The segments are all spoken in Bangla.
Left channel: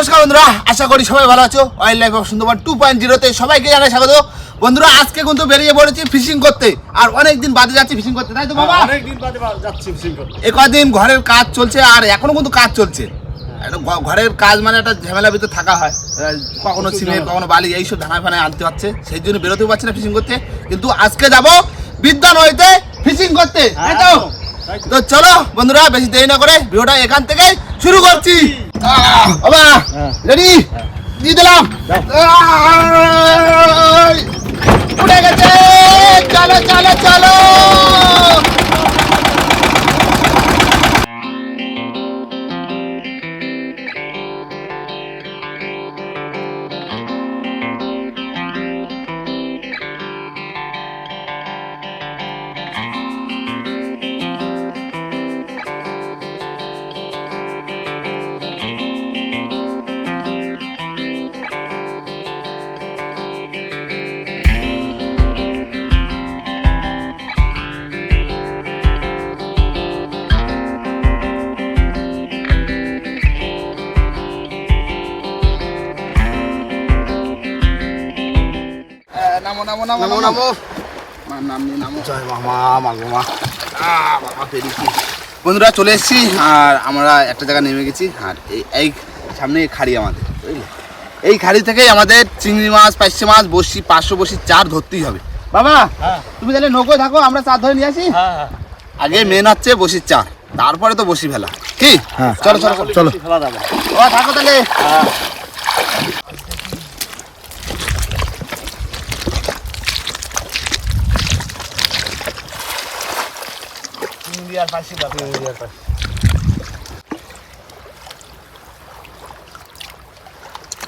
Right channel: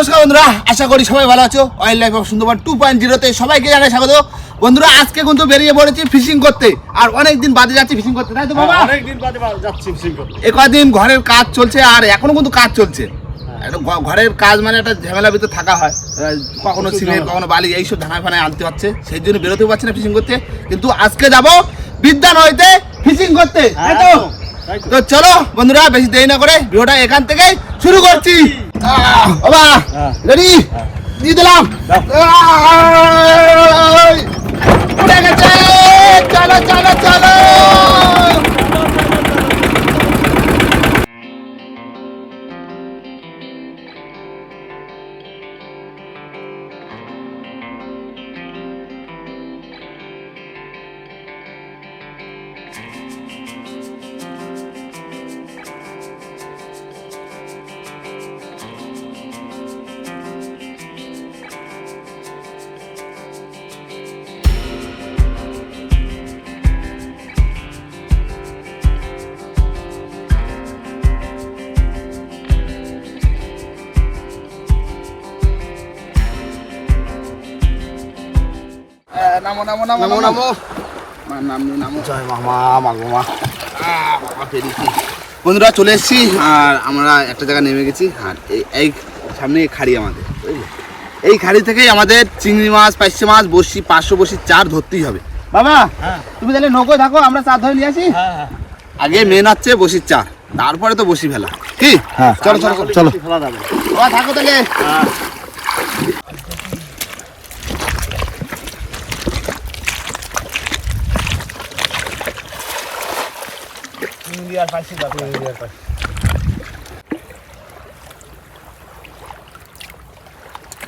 নমস্কার বন্ধুরা আশা করি সবাই ভালো আছো। Wild life of Sundarban two point জিরোতে সবাইকে জানাই স্বাগত। বন্ধুরা আজকে কিন্তু বেরিয়ে পড়েছি ফিশিং করতে। আর অনেক দিন বাদে যাচ্ছি ফিশিং করতে তাই তো বাবা? অনেক দিন বাদে যাচ্ছি ফিশিং করতে। এ কদিন ঘরের কাজ চলছে আর এখনও কিন্তু কাজ চলছে। ঘরের কাজ মানে একটা ঝামেলার ভিতরে থাকা হয়। কখনো সিমেন্ট কখনো বালি এইসব ধানায় ফানায় আনতে হচ্ছে। সেই জন্য বেরোতেও পারছি না ফিশিং করতে। কিন্তু আজকে যাব বিদ্যা নদীতে ফিশিং করতে তো। তো। চলো বন্ধুরা বেশি দেরি না করে ভিডিওটা এখান থেকে শুরু করছি। আহ, বাবা হ্যাঁ। রেডি দিয়ে দিলাম এই, উড়ে গেছে চলো চলো চলো নামো নামো নামো নামো নামো মার নাম নিয়ে নামো জয় মামা বাবা পেরেছি। বন্ধুরা চলে এসেছি। আর আমরা একটা জায়গায় নেমে গেছি। আর এই- সামনে খাড়ি আমাদের। এই খাড়ি থেকেই আমাদের চিংড়ি মাছ পাইসে মাছ বসি পাঁচশো বসি চার ধরতেই হবে। বাবা হ্যাঁ। তুমি তাহলে নৌকো থাকো আমরা চার ধরে নিয়ে আসি? হ্যাঁ হ্যাঁ। আগে মেন হচ্ছে বসির চা তারপরে তো বসি ফেলা। কি? চলো চলো চলো। খেলা যাবে। ও থাকো তাহলে হ্যাঁ ইন্ডিয়ার পাইসি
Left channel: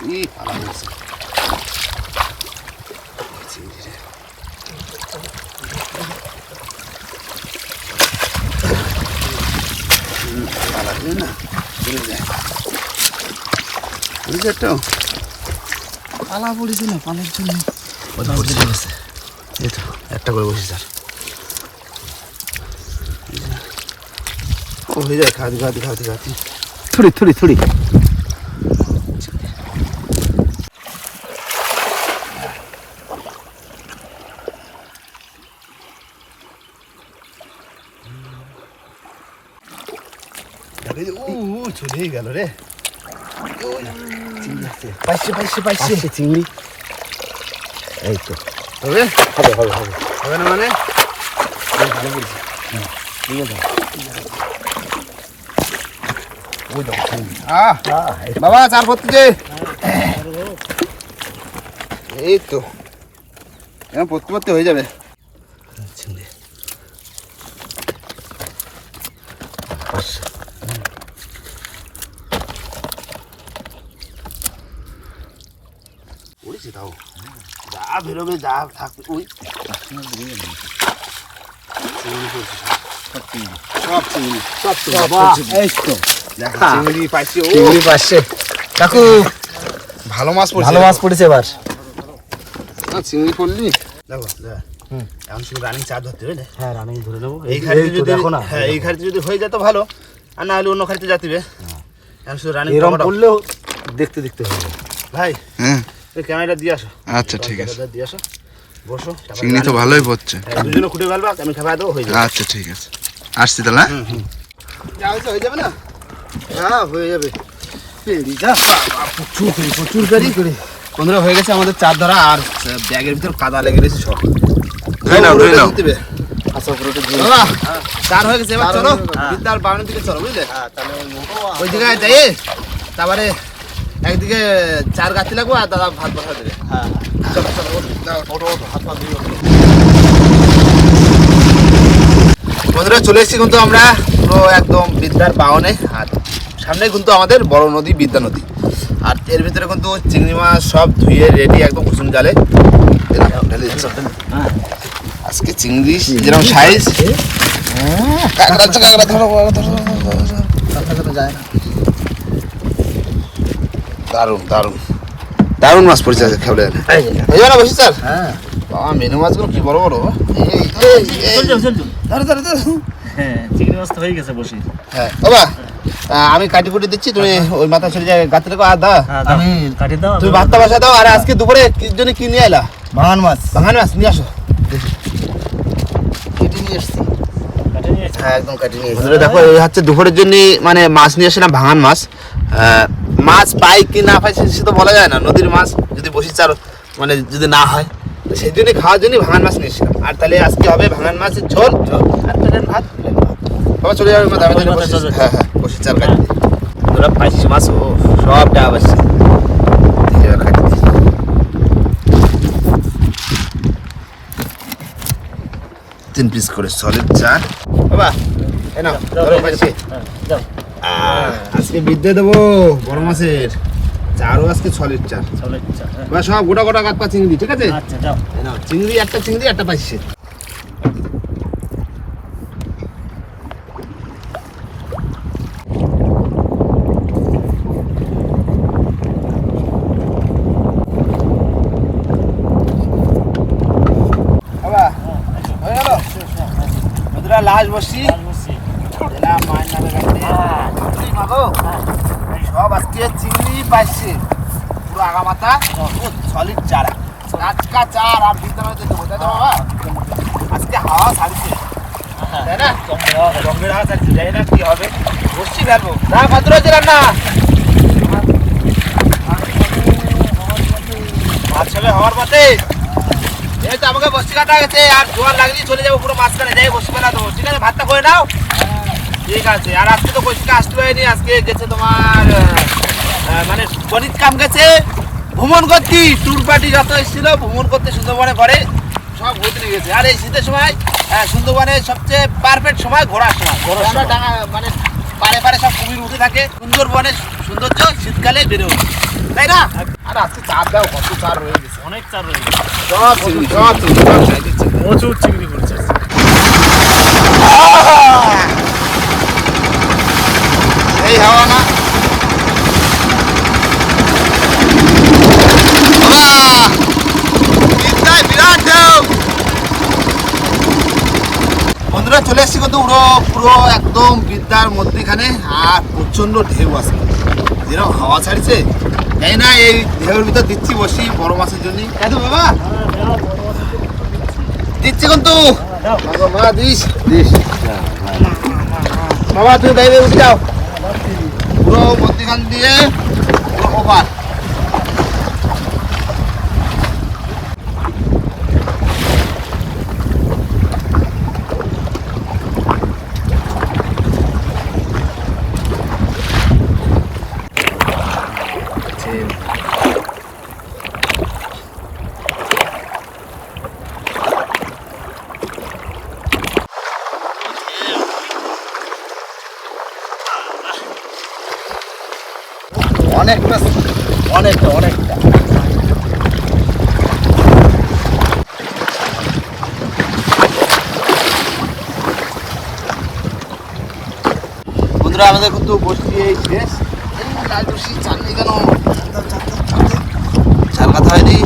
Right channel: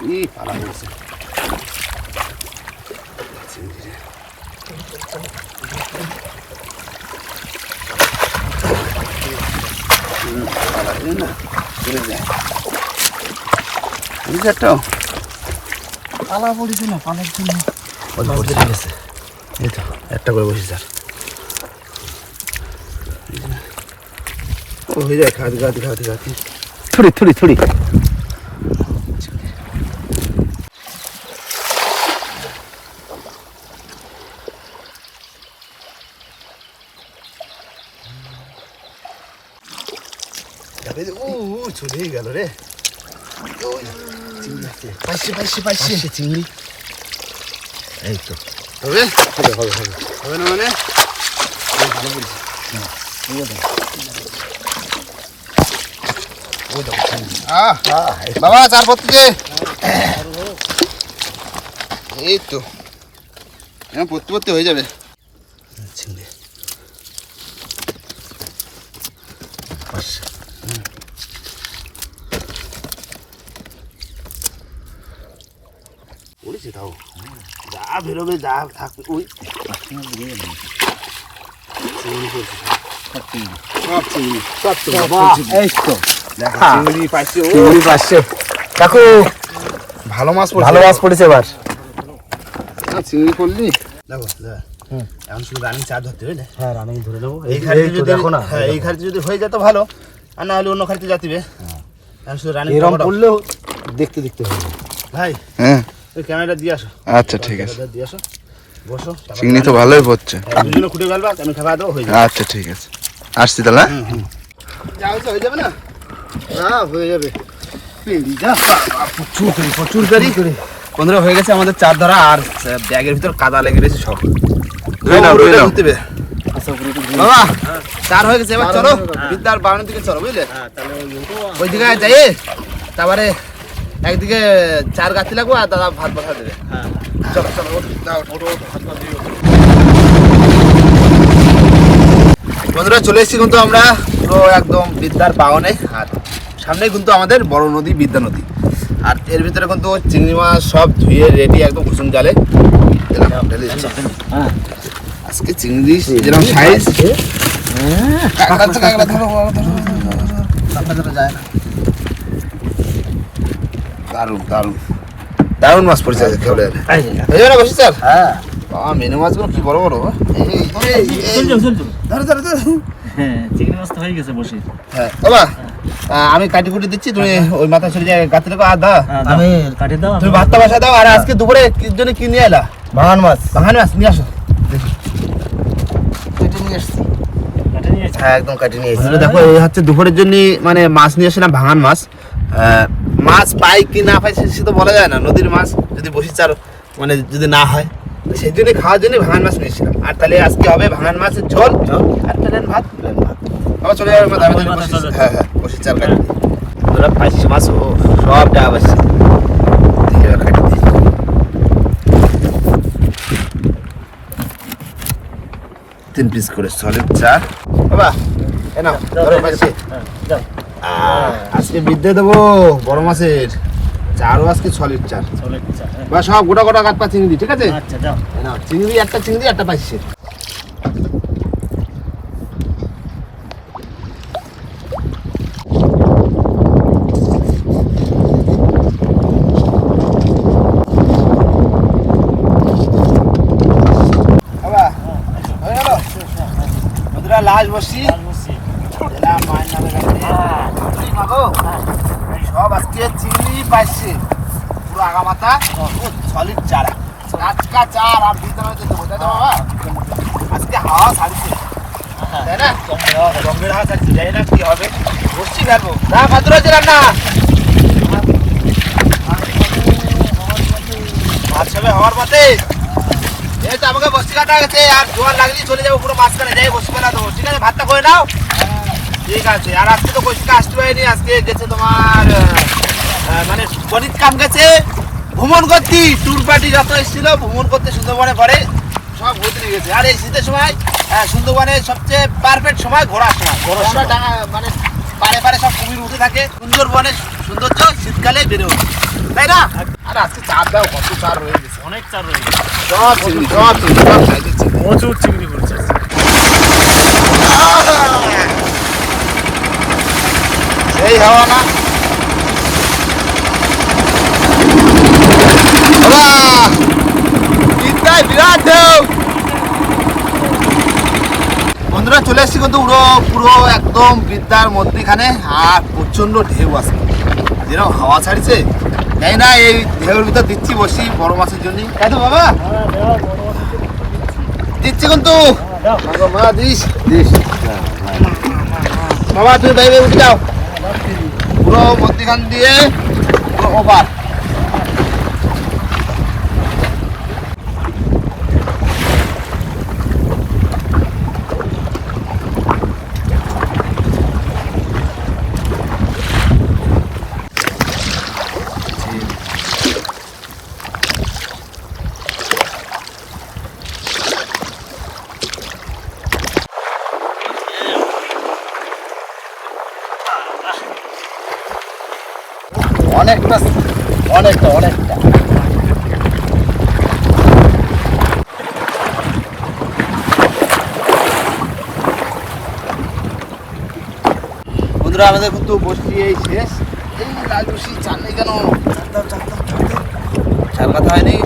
ই পালা হয়েছে। পালা দিলে না, চলে যায়। তো পড়ছে। এই তো, একটা করে বসি স্যার ও হয়ে যায় খাওয়াতে খাওয়াতে খাওয়াতে খাওয়াতে থুড়ি থুড়ি থুড়ি দেখে যে, উ উ চলেই গেল রে পাইছে পাইছে পাইছে চিংড়ি এই তো হবে হবে হবে হবে হবে না মানে ওই দেখো চিংড়ি আহ আহ, এই বাবা চার পত্তি দে। এই তো। এবার পড়তে পড়তে হয়ে যাবে। তাও। যা বেরোবে যা থাকবে ওই সব চিংড়ি সব তো সব বাবা চিংড়ি। এই তো। দেখো হ্যাঁ। চিংড়ি পাইছে ও। চিংড়ি কাকু ভালো মাছ পড়ছে ভালো মাছ পড়েছে এবার। না, চিংড়ি পড়লি? দেখো হুম। এখন শুধু রানিং চার ধরতে হবে হ্যাঁ রানিং ধরে নেব এই খাড়িতে তো যদি দেখো না হ্যাঁ এই খাড়িতে যদি হয়ে যেত ভালো। আর না হলে অন্য খাড়িতে যাতিবে এখন শুধু রানিং এরম পড়লেও দেখতে দেখতে হবে। ভাই হ্যাঁ। এই ক্যামেরাটা দিয়ে আসো। আচ্ছা ঠিক আছে। ক্যামেরাটা দিয়ে আসো। বসো চিংড়ি তো ভালোই পড়ছে। হ্যাঁ, দুজনে খুঁটে ফেলবা আমি খাবার দেবো হয়ে যাবে। আচ্ছা ঠিক আছে। আসছি তাহলে হ্যাঁ? যা হয়েছে হয়ে যাবে না? হ্যাঁ হয়ে যাবে। প্রচুর বন্ধুরা হয়ে গেছে আমাদের চার ধরা আর ব্যাগের ভিতর কাদা লেগে গেছে সব। ধুয়ে নাও ধুয়ে নাও। দিতে হবে। আচ্ছা বাবা চার হয়ে গেছে এবার চলো গেছে। বিদ্যার বাগানের দিকে চলো বুঝলে? হ্যাঁ তাহলে ওই দিকে যাই। তারপরে একদিকে চার গাছি লাগবো আর দাদা ভাত বসা দেবে। হ্যাঁ। চলো চলো বন্ধুরা চলে এসেছি কিন্তু আমরা পুরো একদম বিদ্যার বাগানে আর সামনে কিন্তু আমাদের বড় নদী বিদ্যা নদী। আর এর ভিতরে কিন্তু চিংড়ি মাছ সব ধুয়ে রেডি একদম কুসুম জালে। হ্যাঁ। আজকে চিংড়ি যেরকম সাইজ। দারুণ দারুণ। দারুণ মাছ পড়েছে খেলে বসি স্যার? হ্যাঁ। মেনু মাছগুলো কি বড় বড়? এই, ধরো, ধরো, ধরো। হ্যাঁ চিংড়ি মাছ তো হয়ে গেছে বসে। হ্যাঁ বাবা আমি কাটি কুটি দিচ্ছি তুমি ওই মাথা চলে যায় গাতে রাখো আর দা হ্যাঁ, আমি কাটি দাও তুমি ভাতটা বসা দাও আর আজকে দুপুরে কি জন্য কি নিয়ে এলা? ভাঙান মাছ। ভাঙানি মাছ নিয়ে আসো। দেখি। কেটে নিয়ে আসছি। কাটে নিয়ে এসো। হ্যাঁ একদম কাটি নিয়ে এসেছি। দেখো এই হচ্ছে দুপুরের জন্য মানে মাছ নিয়ে আসলাম ভাঙান মাছ। আহ, মাছ পাই কি না পাই সে- সে তো বলা যায় না। নদীর মাছ যদি বসি চার মানে যদি না হয়। তো সেই জন্য খাওয়ার জন্য ভাঙান মাছ নিয়েছিলাম আর তাহলে আজকে হবে ভাঙান মাছের ঝোল। আর প্লেন ভাত? প্লেন ভাত। আবার চলে যাবে মাথা। হ্যাঁ হ্যাঁ বসি চাল কাটি তোরা পাঁচশো মাছ ও সব কাটি দিই। তিন পিস করে সলিড চা বাবা এ নাও ধরো পাচ্ছি হ্যাঁ, আজকে বিদ্যে দেবো বড় মাছের। চারও আজকে সলিড চার হ্যাঁ। বা সব গোটা গোটা কাটপা চিংড়ি ঠিক আছে? আচ্ছা চিংড়ি একটা চিংড়ি একটা পাইছে লাশ বসি আর বসছি। এলা মায়ের নামে রাখতে এই মাগো সব আজকে চিংড়ি পাইছে। পুরো আগা মাথা সলিড চারা। টাটকা চার আর বিদ্যা হচ্ছে দেবো তাই তো বাবা? আজকে হাওয়া ছাড়ছে। তাই না? রঙের হাওয়া ছাড়ছে। জানি না কি হবে। বসছি ফেলব না কত রয়েছে রান্না ভাত সবে হওয়ার পথে। এই তো আমাকে কাটা গেছে আর জোয়ার লাগলেই চলে যাব পুরো মাঝখানে। যাই বসে ফেলা দেবো। ঠিক আছে ভাতটা করে নাও। ঠিক আছে আর আজকে তো কইসিটা আসতে পারেনি আজকে গেছে তোমার মানে গণিত কাম গেছে। ভ্রমণ করতে ট্যুর পার্টি যত এসেছিল ভ্রমণ করতে সুন্দরবনে ঘরে সব ঘুরতে গেছে। আর এই শীতের সময় আহ, সুন্দরবনের সবচেয়ে পারফেক্ট সময় ঘোরার সময়। ঘোরার সময়। ডাঙা- মানে পারে পারে সব কুমির উঠে থাকে। সুন্দরবনের সৌন্দর্য শীতকালে বেড়ে ওঠে। তাই না? আর আজকে চাপ দাও কত চার রয়ে গেছে। অনেক চার রয়েছে সব চিংড়ি সব চিংড়ি সব চিংড়ি। প্রচুর চিংড়ি পড়েছে সেই হাওয়া না? বন্ধুরা, চলে এসছি কিন্তু পুরো পুরো একদম বিদ্যার মধ্যেখানে, আর প্রচণ্ড ঢেউ আছে যেরকম হাওয়া ছাড়ছে, তাই না, এই ঢেউর ভিতর দিচ্ছি বসি বড় মাছের জন্য। তো বাবা? দিচ্ছি কিন্তু। বাবা, তুমি বাইরে উঠে যাও। পুরো মধ্যখান দিয়ে, পুরো ওভার। অনেকটা অনেকটা অনেকটা। বন্ধুরা আমাদের কিন্তু বসতি এই শেষ। এই লাল চাল নেই কেন? চাল দাও, চাল দাও, চাল দাও। চাল কথা হয়নি।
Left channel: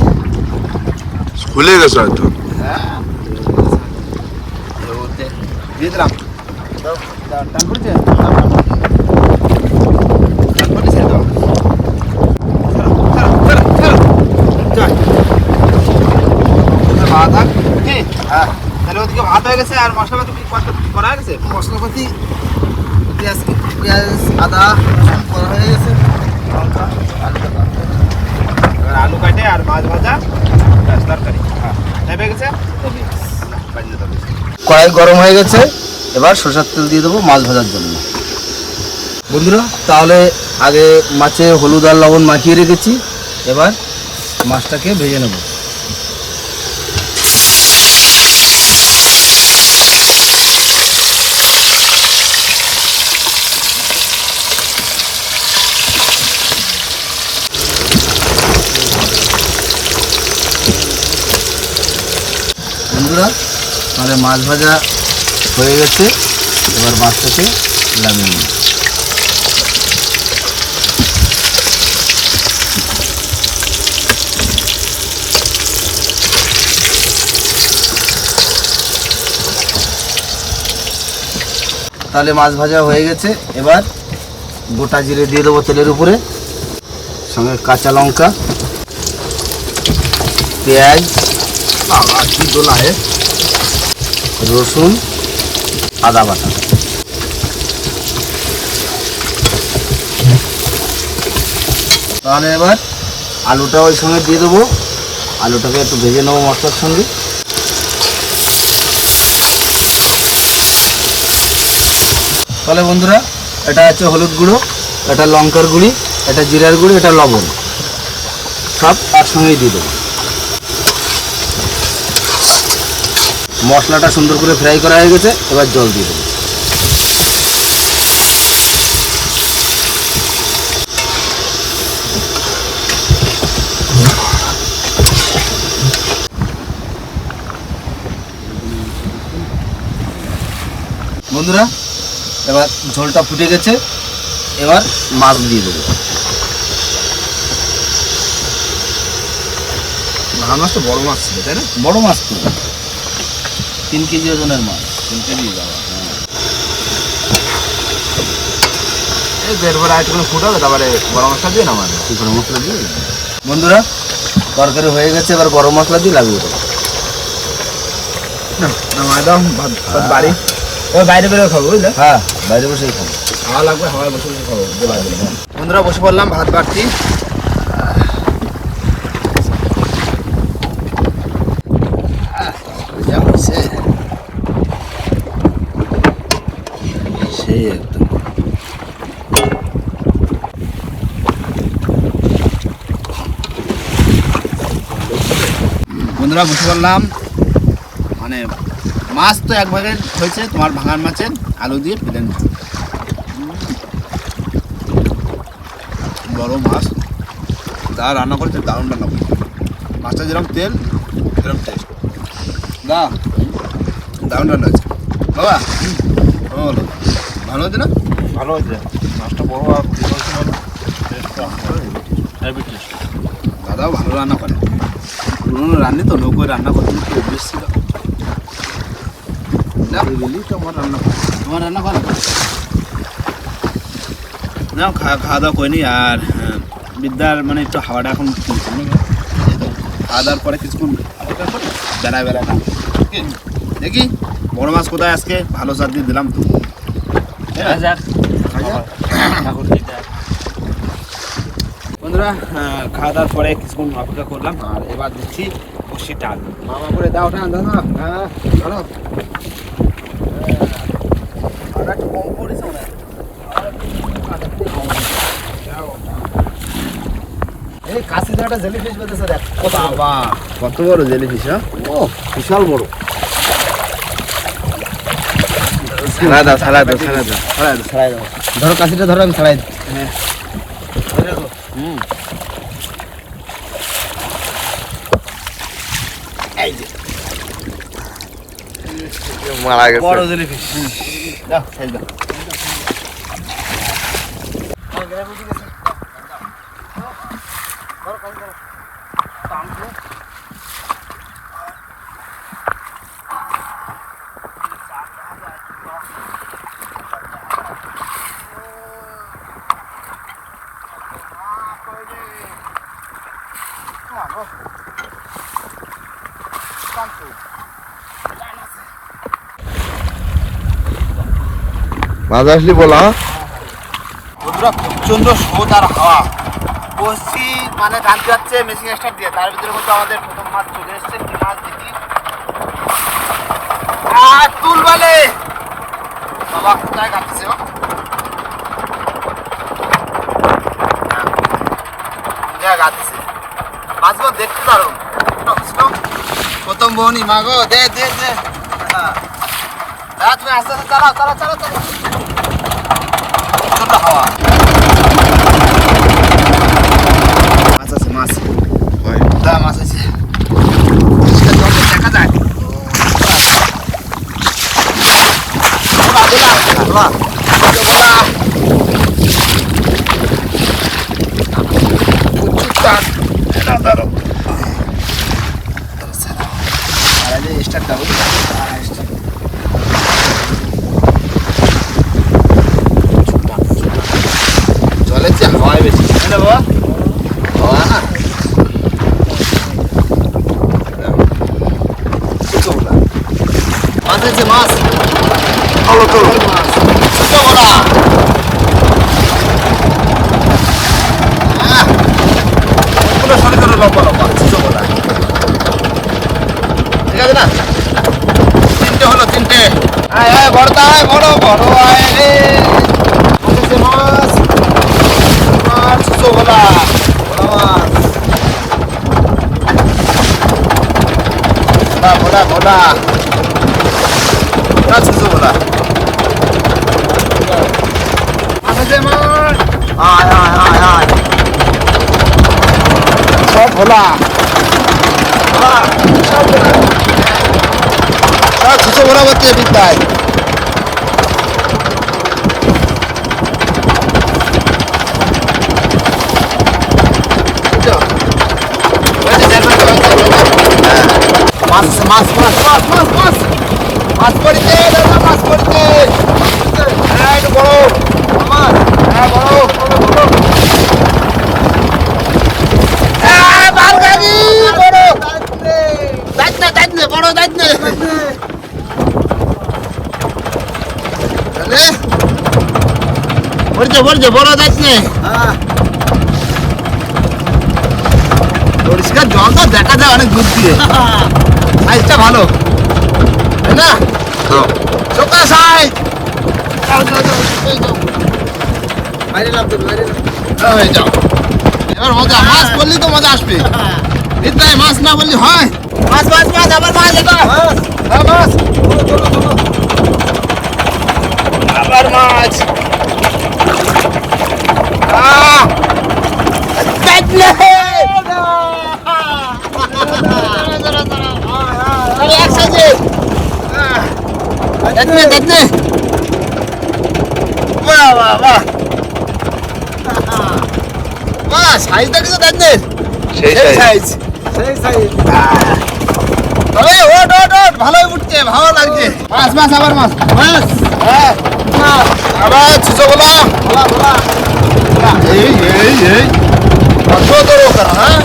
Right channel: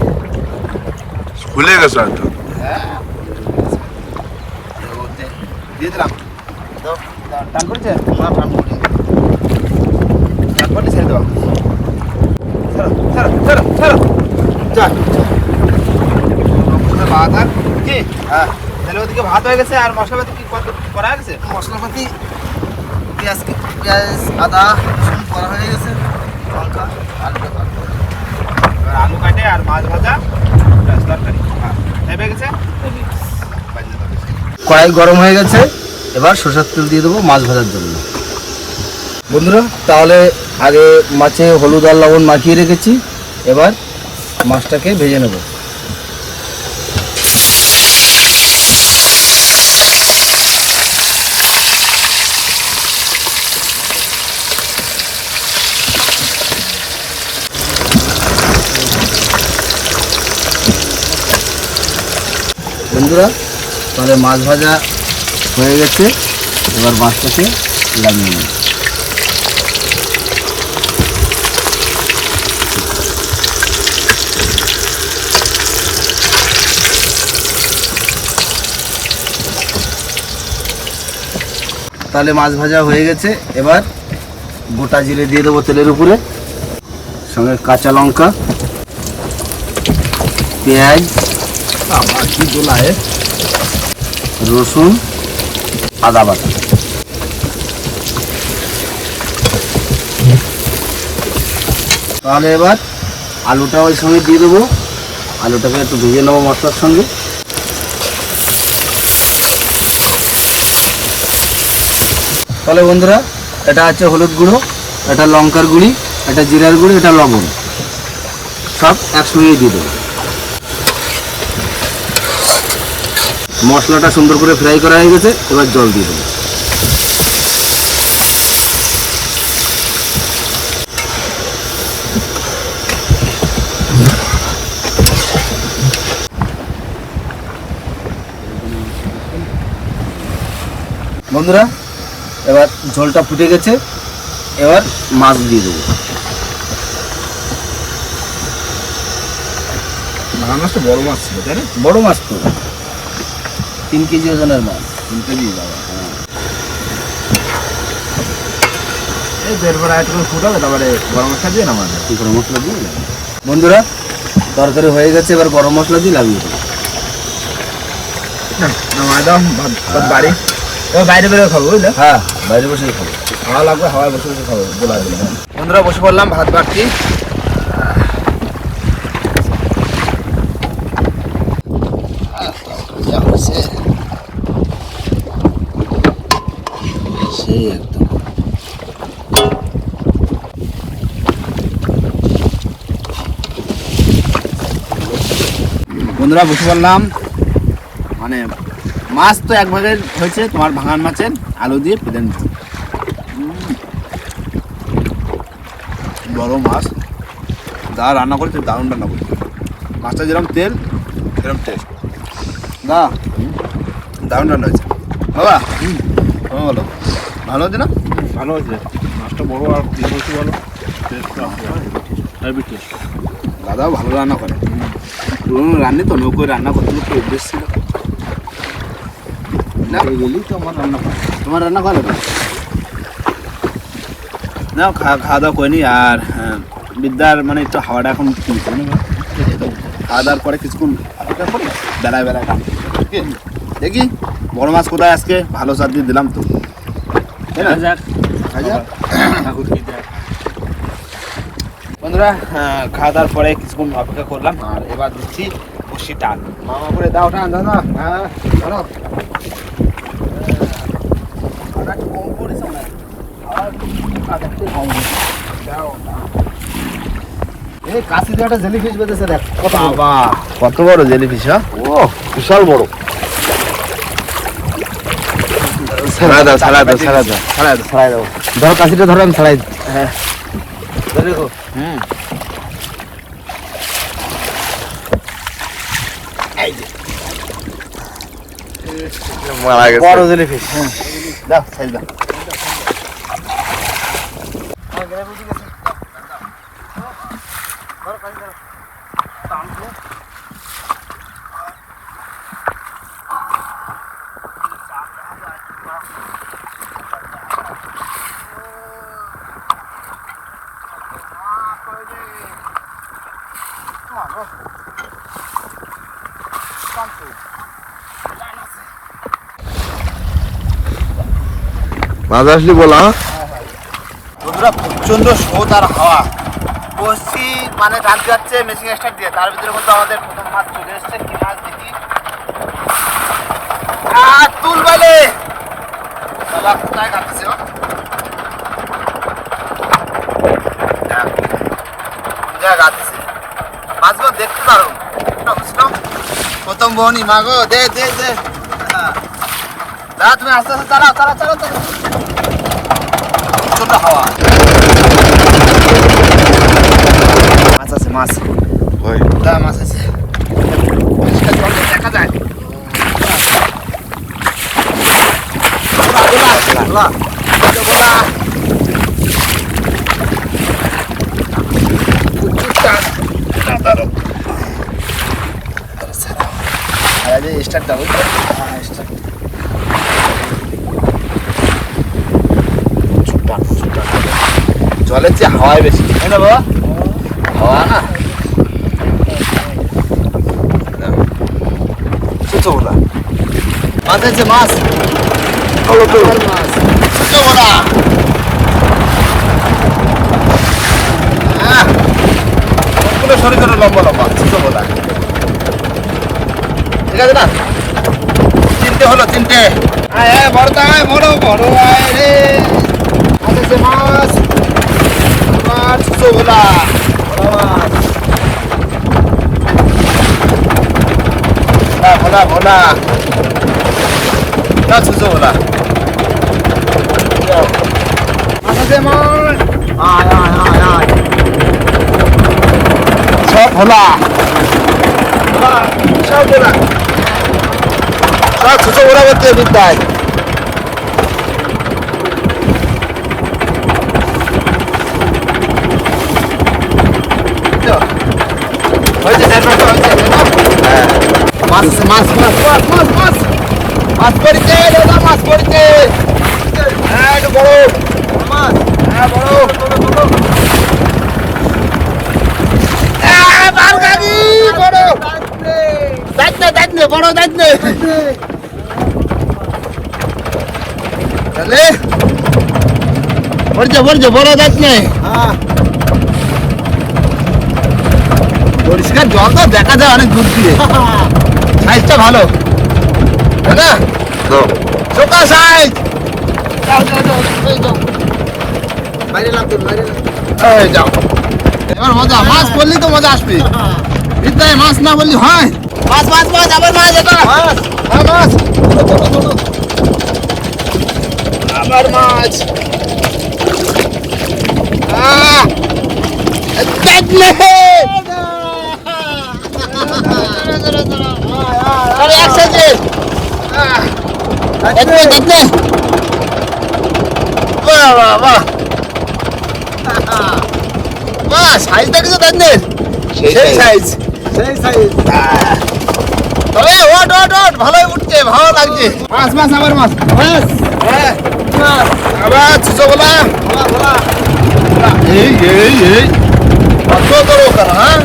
ভুলে গেছো হয়তো। হ্যাঁ। দিয়ে দিলাম। দাও, দাও, টান পড়েছে টান পড়েছে ছেড়ে দেওয়া ছাড়ো ছাড়ো ছাড়ো ছাড়ো চল ওখানে ভাত থাক কি হ্যাঁ তাহলে ওদিকে ভাত হয়ে গেছে আর মশলাপাতি কি করা গেছে? মশলাপাতি পেঁয়াজ পেঁয়াজ আদা রসুন করা হয়ে গেছে। আলু কাটে আর মাছ ভাজা তরকারি। হ্যাঁ হয়ে গেছে? কড়াই গরম হয়ে গেছে এবার সরষের তেল দিয়ে দেবো মাছ ভাজার জন্য। বন্ধুরা তাহলে আগে মাছে হলুদ আর লবণ মাখিয়ে রেখেছি এবার মাছটাকে ভেজে নেব। বন্ধুরা, তাহলে মাছ ভাজা হয়ে গেছে। এবার মাছটাকে লাগিয়ে নেব তাহলে মাছ ভাজা হয়ে গেছে। এবার গোটা জিরে দিয়ে দেবো তেলের উপরে। সঙ্গে কাঁচা লঙ্কা, পেঁয়াজ রসুন, আদা বাটা। তাহলে এবার আলুটা ওই সঙ্গে দিয়ে দেবো। আলুটাকে একটু ভেজে নেব মশলার সঙ্গে। তাহলে বন্ধুরা, এটা হচ্ছে হলুদ গুঁড়ো, এটা লঙ্কার গুঁড়ি, এটা জিরার গুঁড়ি, এটা লবণ। সব একসঙ্গেই দিয়ে দেবো। মশলাটা সুন্দর করে ফ্রাই করা হয়ে গেছে এবার জল দিয়ে দেবো। বন্ধুরা এবার ঝোলটা ফুটে গেছে এবার মাছ দিয়ে দেবো। মাছ তো বড় মাছ ছিল তাই না? বড় মাছ তো। তিন কেজি ওজনের মাছ। তিন কেজি বাবা এই দেড় ভরা ফুটাবে তারপরে গরম মশলা দিয়ে না মানে গরম মশলা দিয়ে? বন্ধুরা তরকারি হয়ে গেছে এবার গরম মশলা দিয়ে লাগিয়ে দেবো। একদম বাড়ি। ও বাইরে বেরো খাব বুঝলে? হ্যাঁ বাইরে বসে খাব। হাওয়া লাগবে হাওয়ায় বসে বসে খাব বলা বন্ধুরা বসে পড়লাম ভাত বাড়ছি বন্ধুরা বসে পড়লাম মানে মাছ তো এক ভাগের হয়েছে তোমার ভাঙান মাছের আলু দিয়ে প্লেন। বড় মাছ। যা রান্না করেছে দারুণ রান্না করেছে। মাছটা যেরকম তেল সেরকম তেল না দারুণ রান্না হয়েছে। বাবা বলো ভালো হচ্ছে না? ভালো হচ্ছে মাছটা বড় আর হেভি টেস্ট দাদাও ভালো রান্না করে। পুরোনো রান্নে তো নৌকোয় রান্না করতে করতে অভ্যেস ছিল। না গেলি তো আমার রান্না তোমার রান্না ভালো? না খাওয়া খাওয়া দাওয়া করিনি আর হ্যাঁ, বিদ্যার মানে একটু হাওয়াটা এখন খাওয়া দাওয়ার পরে কিছুক্ষণ অপেক্ষা করি বেলায় বেলায় দাম দেখি বড় মাছ কোথায় আজকে? ভালো সার দিয়ে দিলাম তো? যাক খাওয়া যাক। ঠাকুর কি যাক বন্ধুরা খাওয়া দাওয়ার পরে কিছুক্ষণ অপেক্ষা করলাম আর এবার দিচ্ছি বসি টান মামা করে দাও টান দাদা হ্যাঁ চলো। কম পড়েছে মনে হয়। আর একটু আধার থেকে কম হয়েছে। দাও, দাও। এই কাশি একটা জেলি ফিশ বেঁধেছে দেখ কত। বাবা কত বড় জেলিফিশ হ্যাঁ? ও বিশাল বড়। ছাড়া দাও ছাড়া দাও ছাড়া দাও। ছাড়াই দেবো। ধরো কাশিটা ধরো আমি ছাড়াই হ্যাঁ। ধরে। হুম বড় জেলি ফিশ দাও আসলে বলা। বন্ধুরা প্রচণ্ড স্রোত আর হাওয়া। বসছি মানে টানতে যাচ্ছে মেশিন স্টার্ট দিয়ে। তার ভিতরে কিন্তু আমাদের প্রথম মাছ চলে এসছে কি মাছ দেখি আর তুল বলে! বাবা, কোথায় কাটছে মাছগুলো দেখতে বুঝলো? প্রথম বহনি মাগো দে দে দে। দাদা, তুমি আস্তে আস্তে চালাও চালাও চালাও চালাও প্রচণ্ড হাওয়া মাছ আছে মাছ ওই দা মাছ আছে দেখা যায় স্টার্ট দাও স্টার্ট জলের বেশি। তাই না বাবা হাওয়া। না ছোটো বলা মাছ। আছে মাছ ভালো তো। মাছ। ছোটো বলা আহ, সবগুলো সরে সরে লম্বা লম্বা ছোটো বলা ঠিক আছে না? তিনটে হলো তিনটে। আয় আয় বড়টা আয় বড় বড় আয় রে। মাছ। আছে মাছ মাছ ছোটো বলা বড় মাছ ভোলা ভোলা ভোলা না ছোটো বলা মাছ আছে মাছ আয় আয় আয় আয় সব ভোলা সব ভোলা সব ছোটো বলা করতে বিদ্যায় মাছ মাছ মাছ মাছ মাছ মাছ মাছ পড়িতে দাদা মাছ পড়িতে হ্যাঁ একটু বড়। হ্যাঁ বড়। হ্যাঁ, দাঁতনে, তাহলে? পড়ছে, পড়ছে, বড় দাঁতনে। পরিষ্কার জল তো দেখা যায় অনেক দূর দিয়ে। সাইজটা ভালো তাই না তো চোখা সাইজ এই যাও এবার মজা মাছ পড়লি তো মজা আসবে বিদ্যায় মাছ না বললি হয় মাছ মাছ মাছ আবার মাছ এটা মাছ হ্যাঁ মাছ চলো চলো আবার মাছ আহ দেখলে আরে এক সাইজে দেখলে দেখলে বাহ বাহ বাহ। বাহ সাইজ দেখেছ দেখলে সেই সেই সাইজ সাইজ তবে ওট ওট ওট ভালোই উঠছে ভালো লাগছে। মাছ মাছ আবার মাছ। মাছ। হ্যাঁ আবার ছুচো গোলা। গোলা গোলা। এই এই এই। কত হ্যাঁ?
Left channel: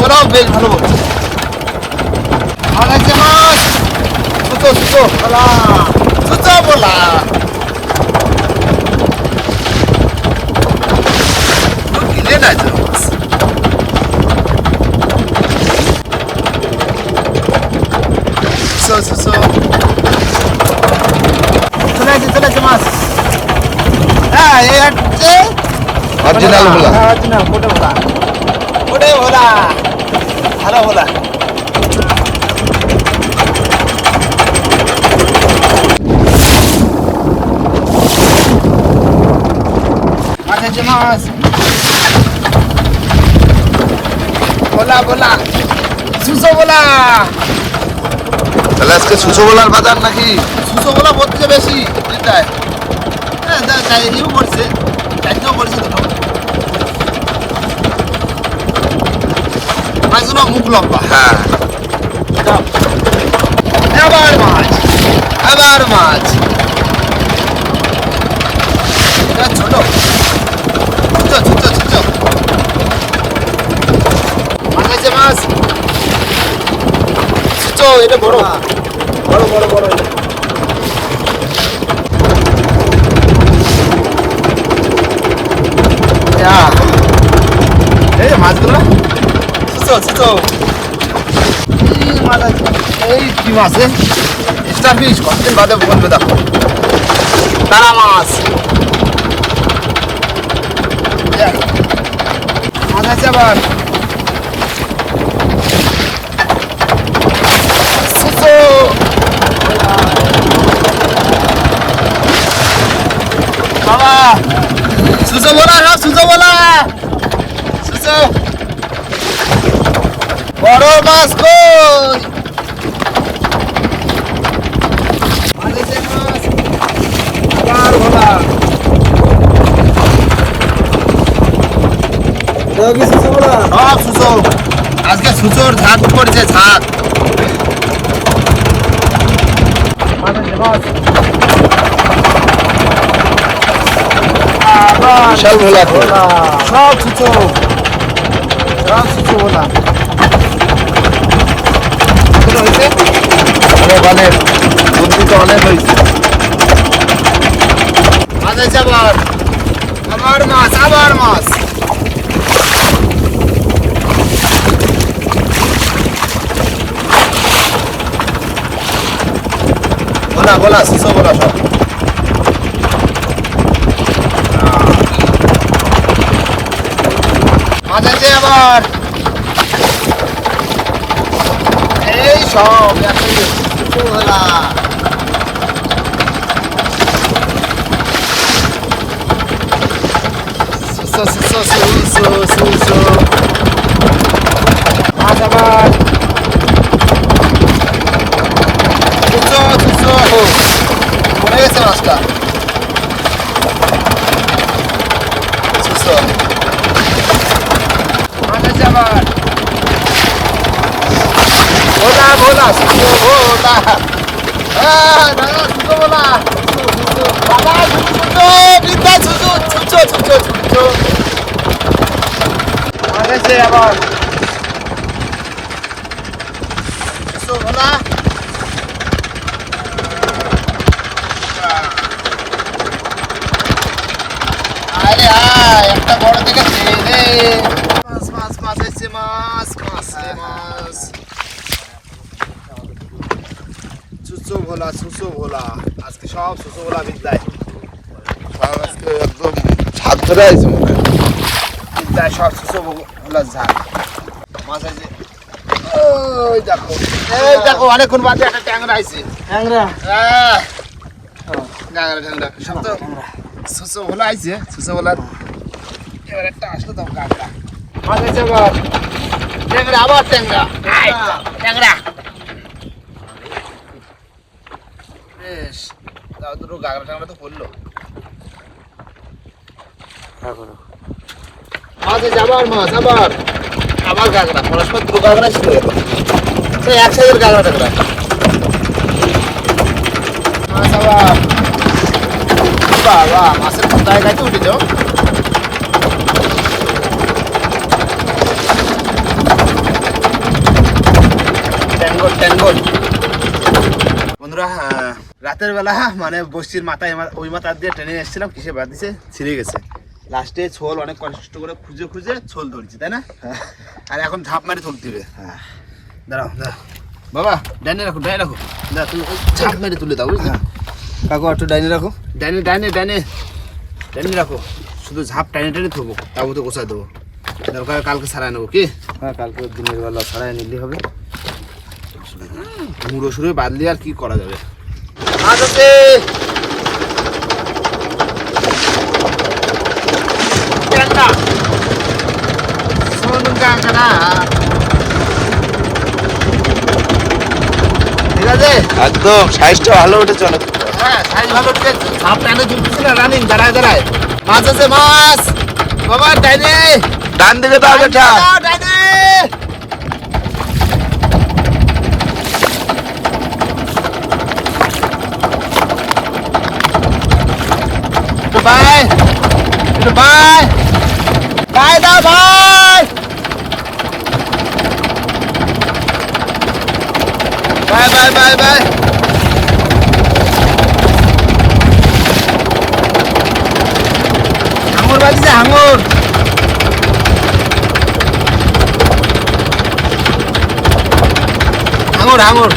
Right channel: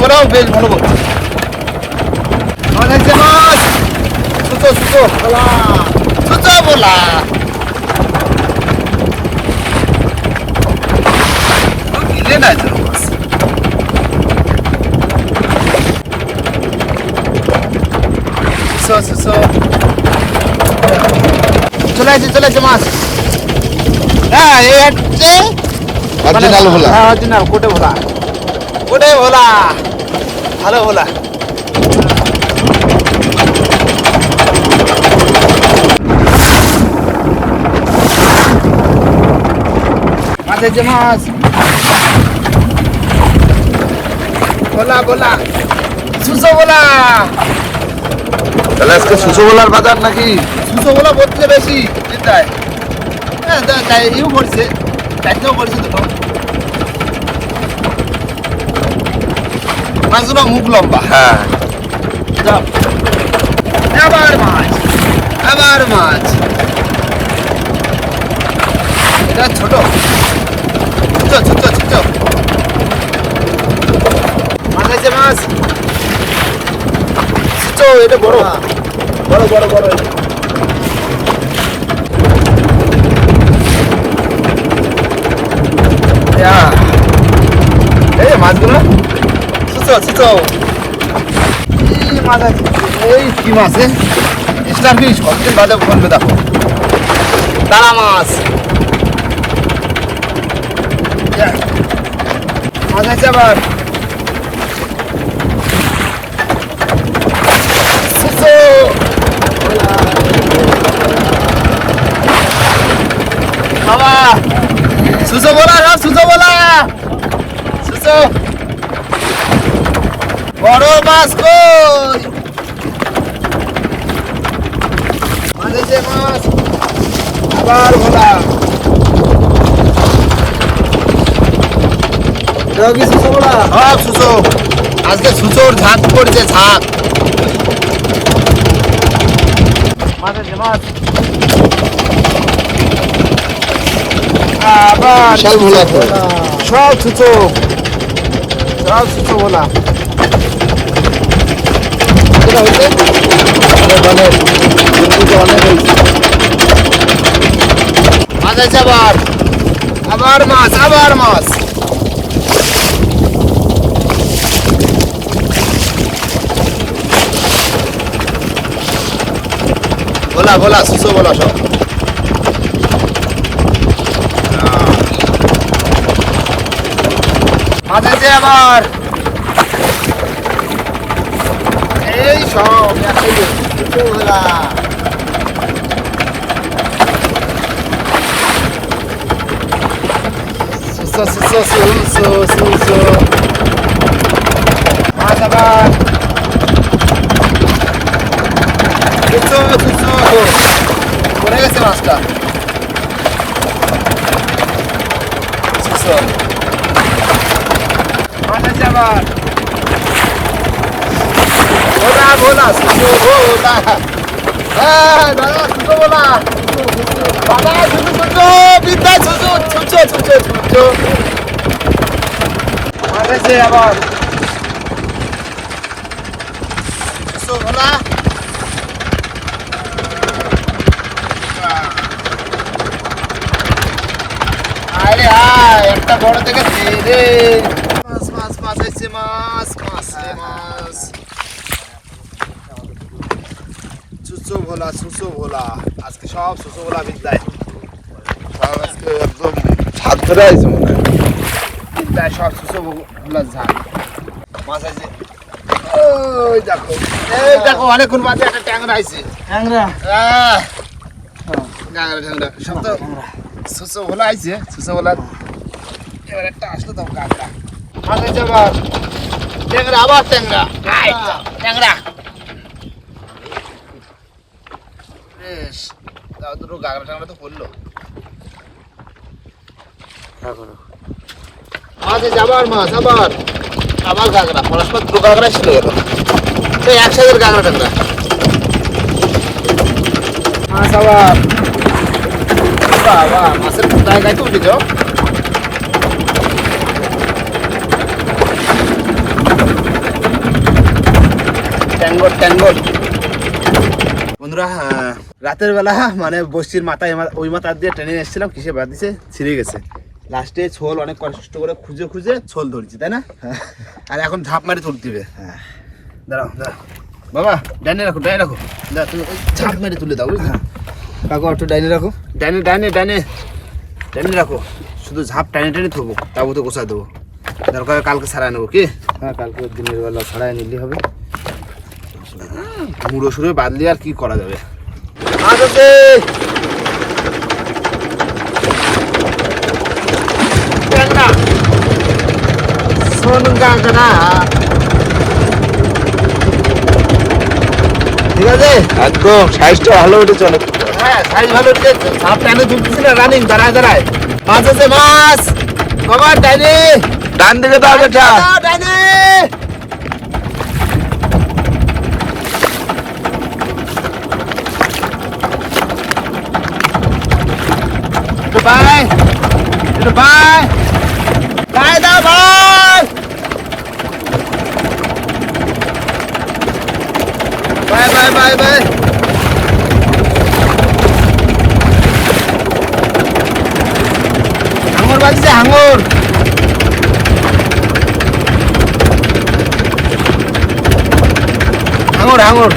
গোলাও বেশ ভালো বলছে। মাছ। আছে মাছ গিলে না যেন মাছ। ছুচো ছুচো চলে আসছে চলে আসছে মাছ। হ্যাঁ এই হচ্ছে অরিজিনাল ভোলা। হ্যাঁ অরিজিনাল কোটে ভোলা। কোটে ভোলা। ভালো ভোলা মাছ আছে মাছ। ভোলা ভোলা। সুসো ভোলা। তাহলে আজকে সুচো ভোলার বাজার নাকি? সুসো ভোলা বলতে বেশি। চিন্তায় হ্যাঁ তা- তাই ইও পড়ছে। চারটেও পড়ছে দুটো। মাছগুলো মুখ লম্বা। হ্যাঁ। এবার মাছ এবার মাছ। এটা ছোট। ছোট ছোট ছোট। মাছ আছে মাছ। ছোট এটা বড়। বড় বড় বড় এই মাছগুলো। সুতো এই মাছ আছে এই কি মাছ রে স্টার ফিশ কতদিন বাদে বলবে দেখো। তারা মাছ। মাছ আছে আবার। বাবা। বলা সুসো বলা সুসো বড় মাছ কই? মাছ আবার সব সুসো আজকে সুসোর ঝাঁক পড়েছে ঝাঁক। বিশাল ভোলা সব ছুচো সব বলা কতটা হয়েছে। মাছ আছে আবার আবার মাছ আবার মাছ। বলা বলা সুসো বলা সব। মাছ আছে আবার এই সব সুসো সুসো মাছ আবার পড়ে গেছে মাছটা মাছ আছে আবার ভোলা ভোলা সুসো ভোলা হ্যাঁ দাদা সুসো ভোলা বাবা সুসো সুসো বিদ্যা সুসো সুসো সুসো সুসো মাছ আছে আবার ভোলা আরে আয় একটা বড় ছেড়ে মাছ মাছ মাছ মাছ মাছ। ভোলা সুসো ভোলা আজকে সব সুসো ভোলা বিদ্যায় আর আজকে একদম ছাদ ধরে আছে মনে হয়। বিদ্যায় সব সুসো ভোলা ঝাল মাছ আছে ওই দেখো এই দেখো অনেকক্ষণ বাদে একটা ট্যাংরা আইছে। ট্যাংরা? গাংরা ট্যাংরা সব তো সুসো ভোলা আইছে সুসো ভোলার এবার একটা আসলো তো গাংরা মাছ আছে আবার ট্যাংরা আবার ট্যাংরা। ট্যাংরা বেশ তাও দুটো গাংরা ট্যাংরা তো পড়ল। আছে আবার মাছ আবার আবার গাংরা পরস্পর দুটো গাংরা শুরু হলো এই একসাথে গাংরা ট্যাংরা মাছ আবার বাবা মাছের কোথায় গাইতে উঠেছ ট্যাঙ্গর ট্যাঙ্গর। বন্ধুরা আহ, রাতের বেলা মানে বস্তির মাথায় ওই মাথা দিয়ে ট্রেনে এসেছিলাম কিসে বাদ দিছে? ছিঁড়ে গেছে। লাস্টে ছোল অনেক কষ্ট করে খুঁজে খুঁজে ছোল ধরছি তাই না? আর এখন ঝাঁপ মারি তুলতে হবে দাঁড়াও দাঁড়াও। বাবা ডাইনে রাখো ডাইনে রাখো। দাঁড়া তুমি ওই ঝাঁপ মারি তুলে দাও বুঝলি? কাকু একটু ডাইনে রাখো। ডাইনে ডাইনে ডাইনে। ডাইনে রাখো। শুধু ঝাঁপ টাইনে টাইনে থবো তাবু তো গোছায় দেবো। দরকার কালকে সারাই নেব কি? হ্যাঁ কালকে দিনের বেলা ছাড়াই নিলে হবে। মুড়ো সুড়ো বাদলি আর কি করা যাবে? কাঁকড়া। ঠিক আছে? একদম সাইজটা ভালো উঠেছে অনেক। হ্যাঁ সাইজ ভালো উঠেছে। সাপ টানে তুলতেছি না রানিং দাঁড়ায় দাঁড়ায়। মাছ আছে মাছ। বাবা ডাইনে। ডান দিকে দাও বেটা ডাইনে। ভাই ভাই ভাই ভাই ভাই ভাই ভাই ভাই হাঙর বাজিছে হাঙর হাঙর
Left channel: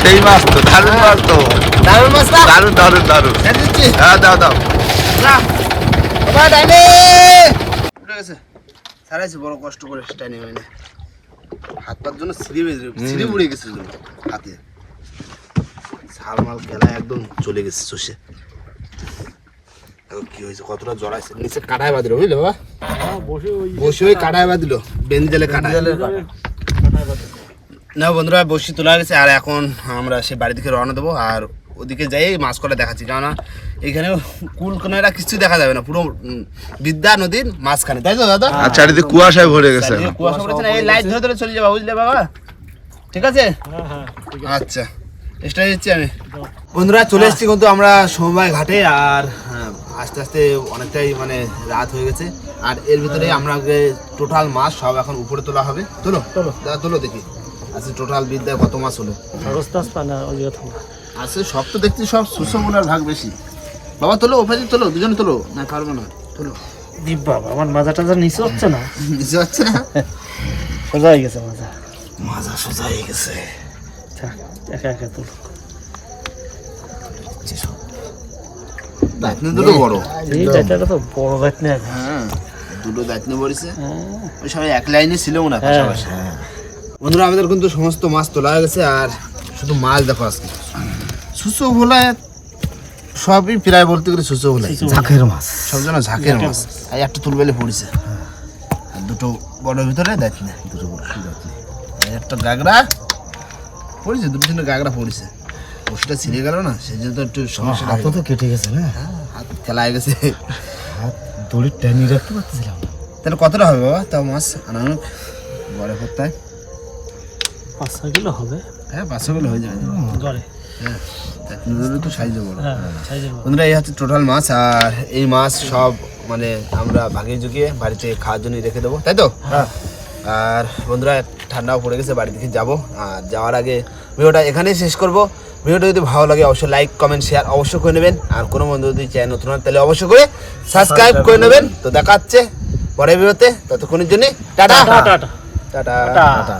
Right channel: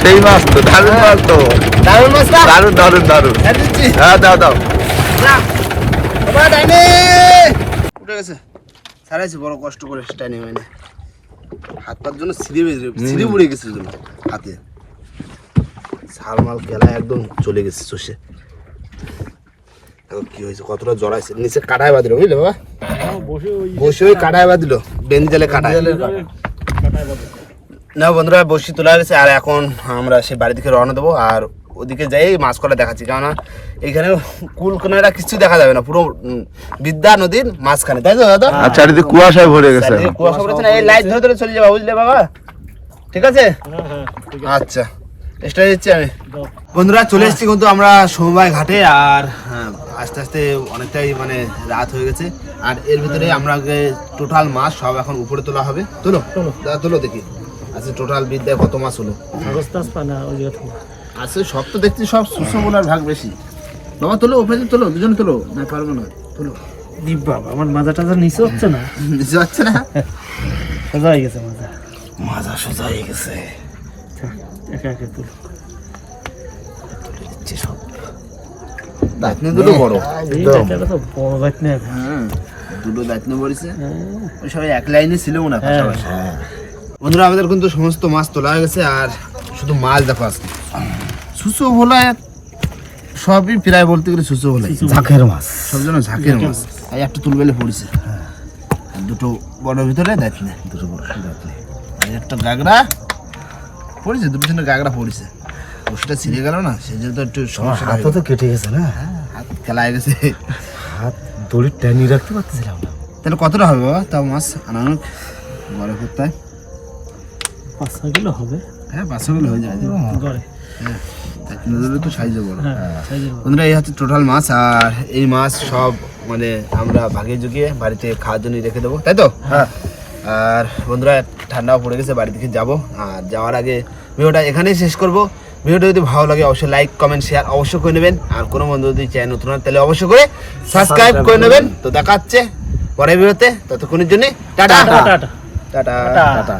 সেই মাছ তো, দারুণ মাছ তো। দারুণ মাছ না দারুণ দারুণ। দারুণ ছেড়ে দিচ্ছি হ্যাঁ দাও দাও। উঠে গেছে। ছাড়াইছে বড় কষ্ট করে মানে হাত পার জন্য সিঁড়ি সিঁড়ি উড়ে গেছে হাতে। খেলা একদম চলে গেছে চষে। এখন কি হয়েছে কতটা জড়াইছে নিচে কাটায় বাঁধিল বুঝলে বাবা? বসে ওই কাটায় বাঁধিল কাটায়। না বন্ধুরা বসি তোলা গেছে আর এখন আমরা সে বাড়ি থেকে রওনা দেবো আর ওদিকে যাই মাছ করা দেখাচ্ছি। কেননা এইখানে কুল কোনারা কিছু দেখা যাবে না পুরো বিদ্যা নদীর মাঝখানে। তাই তো দাদা? আর চারিদিকে কুয়াশায় ভরে গেছে কুয়াশা এই লাইট ধরে ধরে চলে যাবা বুঝলে বাবা? ঠিক আছে? হ্যাঁ হ্যাঁ আচ্ছা দিচ্ছি আমি। বন্ধুরা চলে এসেছি কিন্তু আমরা সমবায় ঘাটে আর হ্যাঁ, আস্তে আস্তে অনেকটাই মানে রাত হয়ে গেছে। আর এর ভিতরে আমরা টোটাল মাছ সব এখন উপরে তোলা হবে। তোলো তোলো। দেখি। আচ্ছা টোটাল বিদ্যায় কত মাছ হলো? কাগজ টাগজ পায় না ওই ইয়ে থেকে। আছে সব তো দেখছি সব সুসমলার ভাগ বেশি। বাবা তোলো ওপরে তোলো দুজন তোলো। না পারব না তোলো। বাবা, আমার মাজা টাজা নিচে হচ্ছে না। বুঝতে পারছে না? সোজা হয়ে গেছে মাজা। মাজা সোজা হয়ে গেছে। একা একা তুল। দায়িত্ব দুটো বড়। হ্যাঁ দুটো হ্যাঁ, ওই সবাই এক লাইনে ছিল না পাশাপাশি। বন্ধুরা আমাদের কিন্তু সমস্ত মাছ তোলা হয়ে গেছে আর শুধু মাছ দেখো আজকে। সুসো ভোলা সবই প্রায় বলতে গেলে সুসো ভোলা ঝাঁকের মাছ। সব জন্য ঝাঁকের মাছ। আর একটা তুলবেলে পড়েছে। আর দুটো বড় ভিতরে দেখি না দুটো বড় দেখলে। আর একটা গাগরা পড়েছে দুটো জন্য গাগরা পড়েছে। ওষুধটা ছিঁড়ে গেল না সেই জন্য তো একটু সমস্যা হয়ে গেল। তো কেটে গেছে না? হাত খেলা হয়ে গেছে। হাত দড়ির টানি রাখতে পারতেছিলাম না। তাহলে কতটা হবে বাবা? তাও মাছ আনানুক বড় করতে পাঁচ ছয় কিলো হবে। হ্যাঁ পাঁচশো কিলো হয়ে যাবে। গড়ে হ্যাঁ তো সাইজও বড়। হ্যাঁ সাইজে বড়। বন্ধুরা এই হচ্ছে টোটাল মাছ আর এই মাছ সব মানে আমরা ভাগে জুগিয়ে বাড়িতে খাওয়ার জন্য রেখে দেবো তাই তো? হ্যাঁ। আর বন্ধুরা ঠান্ডাও পড়ে গেছে বাড়ি থেকে যাব। আর যাওয়ার আগে ভিডিওটা এখানেই শেষ করব। ভিডিওটা যদি ভালো লাগে অবশ্যই লাইক কমেন্ট শেয়ার অবশ্যই করে নেবেন। আর কোনো বন্ধু যদি চ্যানেল নতুন হয় তাহলে অবশ্যই করে সাবস্ক্রাইব করে নেবেন। তো দেখা হচ্ছে পরের ভিডিওতে ততক্ষণের জন্য টাটা। টাটা। টাটা।